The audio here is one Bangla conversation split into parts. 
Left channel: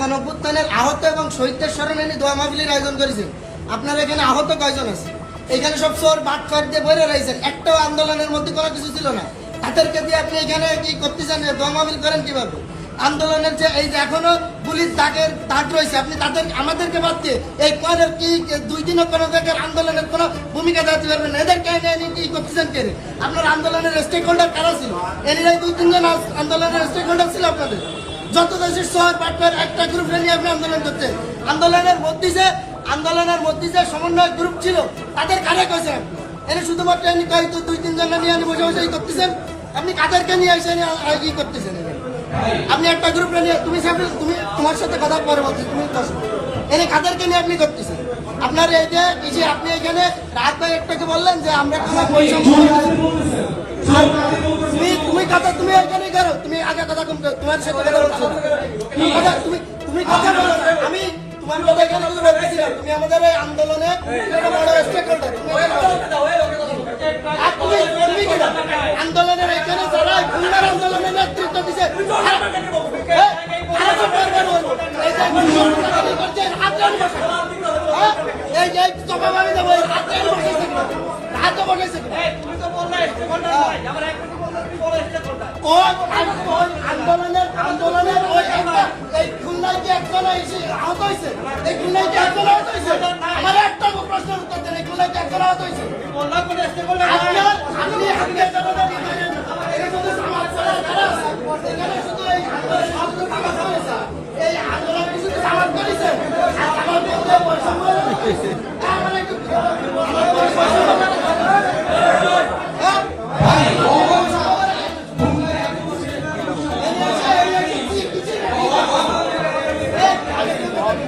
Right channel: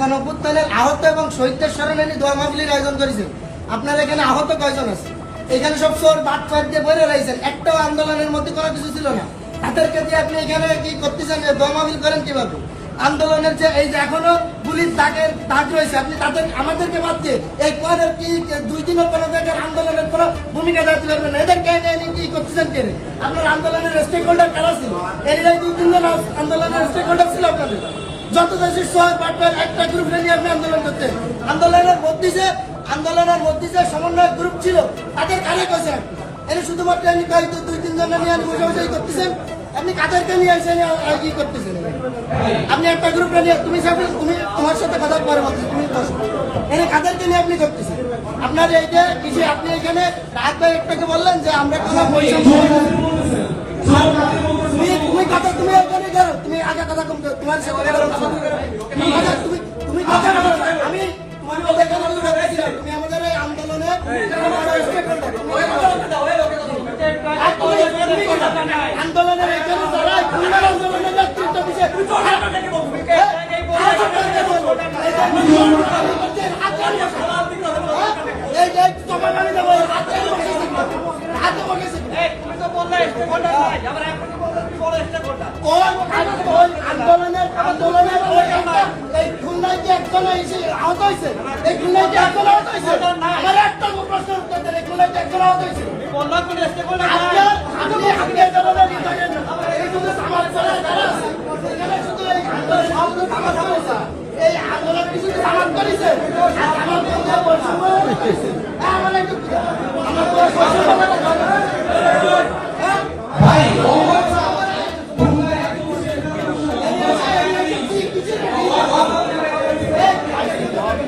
গণপুত্থানের আহত এবং শহীদদের স্মরণে দোয়া মাহফিলের আয়োজন করেছে। আপনার এখানে আহত কয়জন আছে? এখানে সব চোর বাট দিয়ে বইরে রয়েছেন। একটাও আন্দোলনের মধ্যে কোনো কিছু ছিল না। তাদেরকে দিয়ে আপনি এখানে কি করতেছেন? দোয়া মাহফিল করেন কীভাবে? আন্দোলনের যে এই যে এখনও পুলিশ দাগের দাগ রয়েছে, আপনি তাদের, আমাদেরকে বাদ দিয়ে এই পরের কি দুই দিনও কোনো জায়গার আন্দোলনের কোনো ভূমিকা দাঁড়াতে পারবেন না? এদের কেন এনে কি করতেছেন কেন আপনার আন্দোলনের স্টেক হোল্ডার কারা ছিল? এরাই দুই তিনজন আন্দোলনের স্টেক হোল্ডার ছিল আপনাদের। যত দেশের শহর পাটবার একটা গ্রুপ নিয়ে আপনি আন্দোলন করতেন। আন্দোলনের মধ্যে আন্দোলনের মধ্যে যে সমন্বয় গ্রুপ ছিল, তাদের কারে কয়েছেন আপনি এনে শুধুমাত্র এনে কয় দুই তিনজন নিয়ে আনি বসে বসে করতেছেন? আপনি কাদেরকে নিয়ে এসে এনে আ- আ- করতেছেন আপনি একটা গ্রুপ নিয়ে তুমি তুমি তোমার সাথে কথা পরে বলছি, তুমি বসো। এনে কাদেরকে নিয়ে আপনি করতেছেন? আপনার এইটা এই আপনি এখানে রাত ভাই একটাকে বললেন যে আমরা কোনো বৈষম্য তুমি কথা তুমি এখানে করো তুমি আগে কথা কম করো তোমার সাথে কথা বলছো। তুমি কথা তুমি তুমি কথা বলো না আমি তোমার কথা এখানে কিছু বলতেছি তুমি আমাদের এই আন্দোলনে বড় স্টেক তুমি এখানে। আর তুমি তুমি কি না আন্দোলনের এখানে যারা খুলনার আন্দোলনের নেতৃত্ব দিছে হ্যাঁ। এই যে। হ্যাঁ? চাপা মারি দেবো, হাতে বসেছে হাতে আন- কোন আন্দোলনের আন্দোলনের ওই একটা এই খুলনায় এই খুলনায় কি একজন আহত হয়েছে আমার একটা প্রশ্নের উত্তর এই আন্দোলন শুধু সমাজ আন্দোলন কি শুধু সমাজ বৈষম্য? হ্যাঁ, আমার একটু আমার মানে হ্যাঁ? আমরা আমরা প্রশাসনের সঙ্গে কথা বলছি আমরা প্রশাসনের সহযোগিতা এটা এসে আপনার কৃষি অফিসের তো দুই গাড়ি ছাড়া কিছু ছিল দায়িত্ব ছিল ওই যে এটা আছে ওই আহ, কি জানি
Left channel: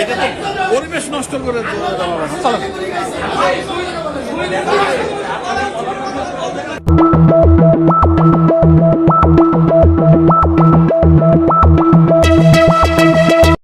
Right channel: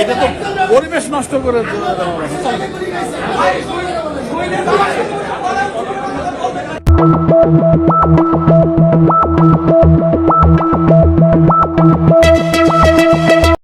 এটা তো পরিবেশ নষ্ট করে দেওয়া